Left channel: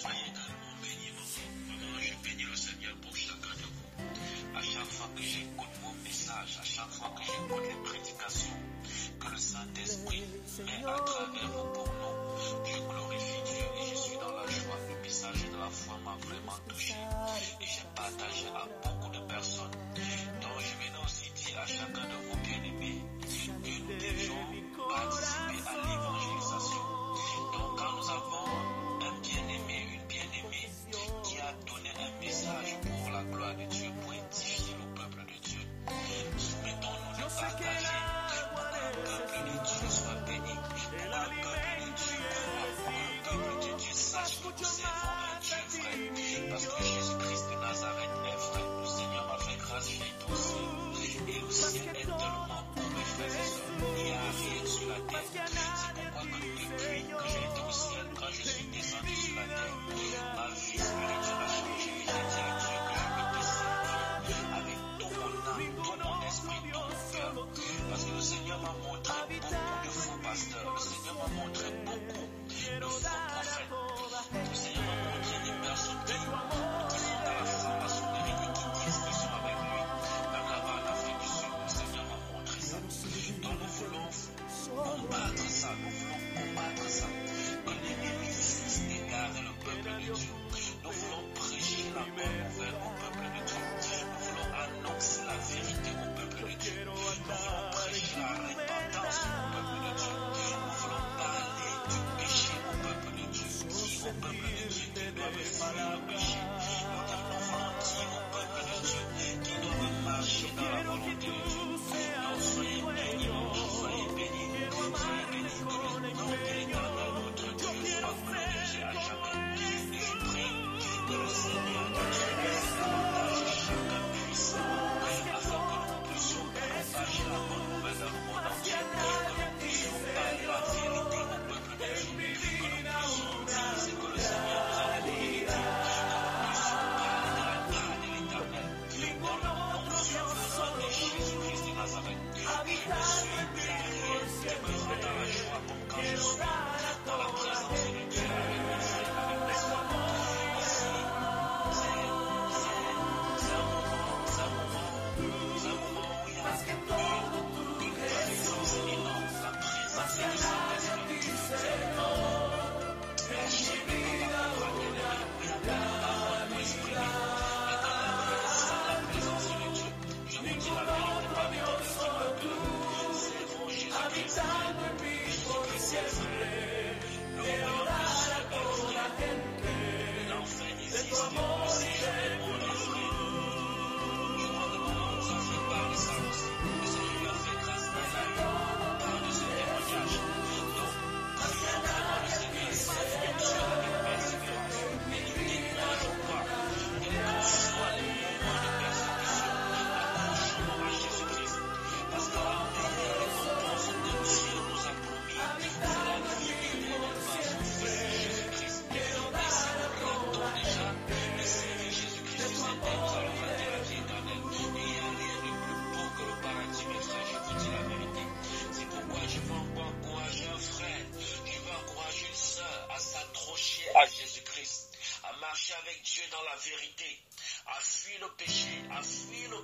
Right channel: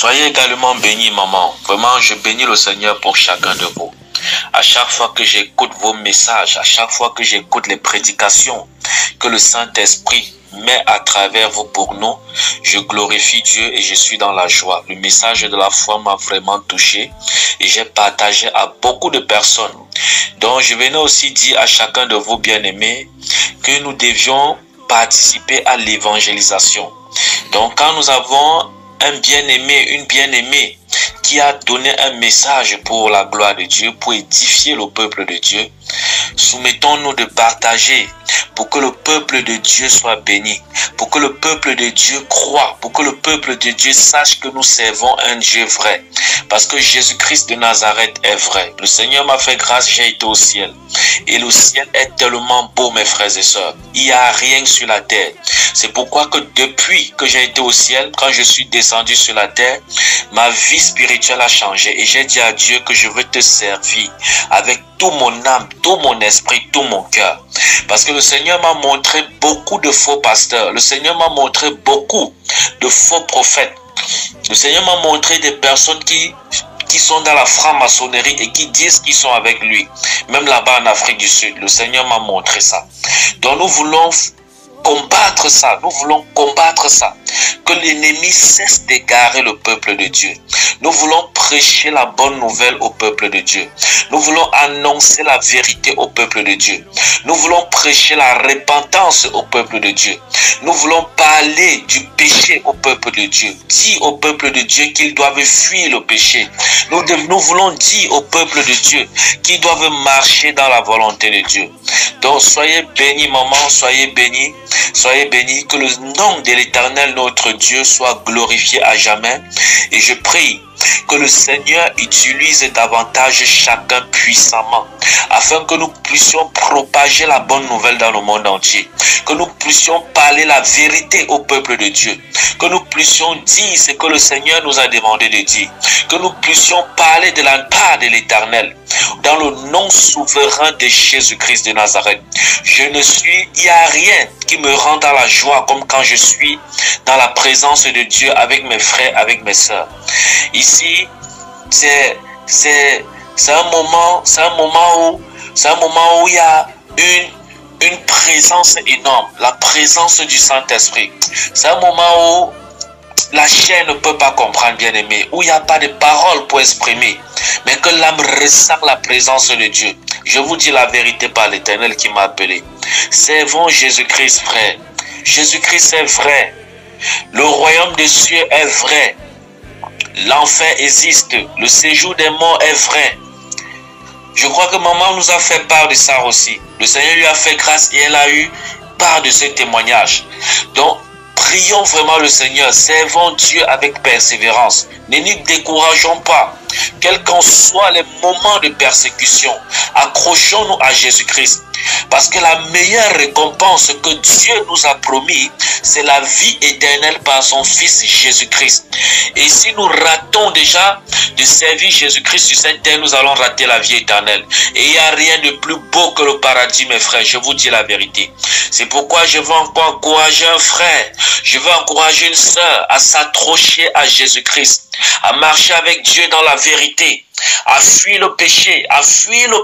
Soyez également bénis, maman. Vraiment, je bénis le Seigneur pour chacun de vous. À chaque fois que j'écoute vos messages, à chaque fois que j'écoute les prédications que le Saint-Esprit met à travers vous pour nous, je glorifie Dieu et je suis dans la joie. Le message de la foi m'a vraiment touché et j'ai partagé à beaucoup de personnes. Donc je venais aussi dire à chacun de vous bien-aimés que nous devions participer à l'évangélisation. Donc quand nous avons un bien-aimé, une bien-aimée qui a donné un message pour la gloire de Dieu, pour édifier le peuple de Dieu, soumettons-nous de partager pour que le peuple de Dieu soit béni, pour que le peuple de Dieu croie, pour que le peuple de Dieu sache que nous servons un Dieu vrai. Parce que Jésus-Christ de Nazareth est vrai. Le Seigneur m'a fait grâce, j'ai été au ciel. Et le ciel est tellement beau, mes frères et sœurs. Il n'y a rien sur la terre. C'est pourquoi que depuis que j'ai été au ciel, quand je suis descendu sur la terre, ma vie spirituelle a changé. Et j'ai dit à Dieu que je veux te servir avec tout mon âme, tout mon esprit, tout mon cœur. Parce que le Seigneur m'a montré beaucoup de faux pasteurs. Le Seigneur m'a montré beaucoup de faux prophètes. Le Seigneur m'a montré des personnes qui sont dans la franc-maçonnerie et qui disent qu'ils sont avec lui. Même là-bas en Afrique du Sud, le Seigneur m'a montré ça. Donc nous voulons combattre ça, nous voulons combattre ça. Que l'ennemi cesse d'égarer le peuple de Dieu. Nous voulons prêcher la bonne nouvelle au peuple de Dieu. Nous voulons annoncer la vérité au peuple de Dieu. Nous voulons prêcher la repentance au peuple de Dieu. Nous voulons parler du péché au peuple de Dieu. Dire au peuple de Dieu qu'ils doivent fuir le péché. Nous voulons dire au peuple de Dieu qu'ils doivent marcher dans la volonté de Dieu. Donc soyez bénis, maman, soyez bénis. Soyez bénis, que le nom de l'Éternel, notre Dieu, soit glorifié à jamais. Et je prie que le Seigneur utilise davantage chacun puissamment, afin que nous puissions propager la bonne nouvelle dans le monde entier, que nous puissions parler la vérité au peuple de Dieu, que nous puissions dire ce que le Seigneur nous a demandé de dire, que nous puissions parler de la part de l'Éternel, dans le nom souverain de Jésus-Christ de Nazareth. Il n'y a rien qui me rend dans la joie comme quand je suis dans la présence de Dieu avec mes frères, avec mes sœurs. Ici, c'est un moment où il y a une présence énorme, la présence du Saint-Esprit. C'est un moment où la chair ne peut pas comprendre, bien aimé, où il n'y a pas de paroles pour exprimer, mais que l'âme ressent la présence de Dieu. Je vous dis la vérité par l'Éternel qui m'a appelé. Servons Jésus-Christ, frère. Jésus-Christ est vrai. Le royaume des cieux est vrai. L'enfer existe. Le séjour des morts est vrai. Je crois que maman nous a fait part de ça aussi. Le Seigneur lui a fait grâce et elle a eu part de ce témoignage. Donc, prions vraiment le Seigneur. Servons Dieu avec persévérance. Ne nous décourageons pas. Quels qu'en soient les moments de persécution, accrochons-nous à Jésus-Christ. Parce que la meilleure récompense que Dieu nous a promis, c'est la vie éternelle par son Fils Jésus-Christ. Et si nous ratons déjà de servir Jésus-Christ sur cette terre, nous allons rater la vie éternelle. Et il n'y a rien de plus beau que le paradis, mes frères. Je vous dis la vérité. C'est pourquoi je veux encore encourager un frère, je veux encourager une sœur à s'accrocher à Jésus-Christ, à marcher avec Dieu dans la vérité, à fuir le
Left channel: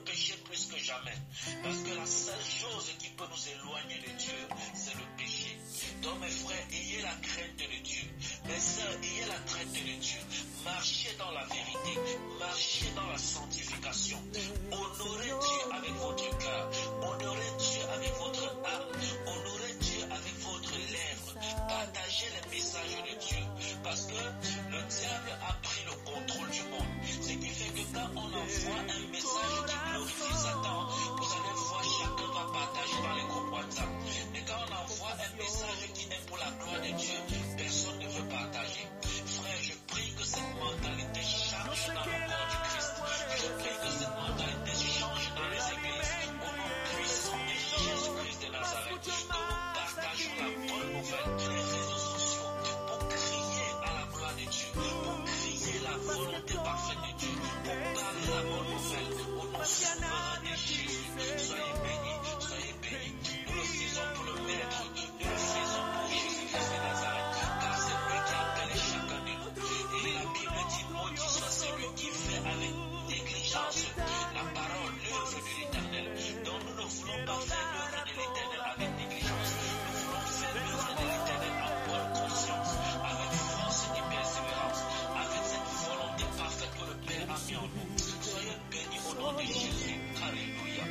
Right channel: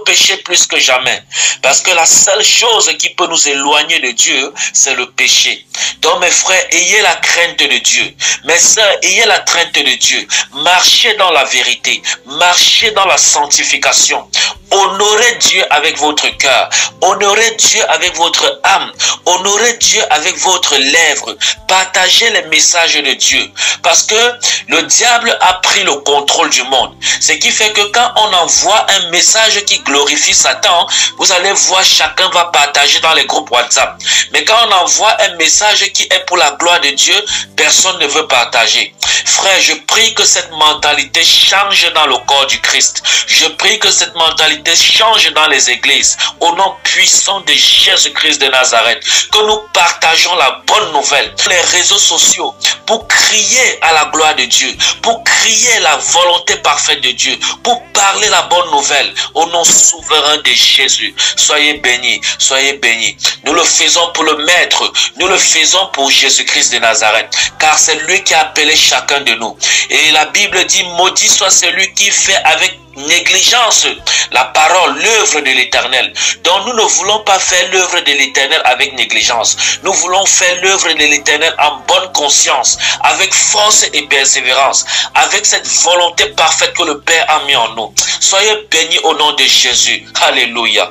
péché plus que jamais. Parce que la seule chose qui peut nous éloigner de Dieu, c'est le péché. Donc mes frères, ayez la crainte de Dieu. Mes sœurs, ayez la crainte de Dieu. Marchez dans la vérité, marchez dans la sanctification. Honorez Dieu avec votre cœur, honorez Dieu avec votre âme, honorez Dieu avec votre lèvre. Partagez les messages de Dieu. Parce que le diable a pris le contrôle du monde. Ce qui fait que quand on envoie un message qui glorifie Satan, vous allez voir, chacun va partager dans les groupes WhatsApp. Mais quand on envoie un message qui est pour la gloire de Dieu, personne ne veut partager. Frère, je prie que cette mentalité change dans le corps du Christ. Je prie que cette mentalité mentalité change dans les églises. Au nom puissant de Jésus-Christ de Nazareth, que nous partageons la bonne nouvelle sur les réseaux sociaux pour crier à la gloire de Dieu, pour crier la volonté parfaite de Dieu, pour parler la bonne nouvelle au nom souverain de Jésus. Soyez bénis, soyez bénis. Nous le faisons pour le Maître, nous le faisons pour Jésus-Christ de Nazareth, car c'est lui qui a appelé chacun de nous. Et la Bible dit, maudit soit celui qui fait avec négligence la parole, l'œuvre de l'Éternel. Donc nous ne voulons pas faire l'œuvre de l'Éternel avec négligence. Nous voulons faire l'œuvre de l'Éternel en bonne conscience, avec force et persévérance, avec cette volonté parfaite que le Père a mis en nous. Soyez bénis au nom de Jésus. Alléluia.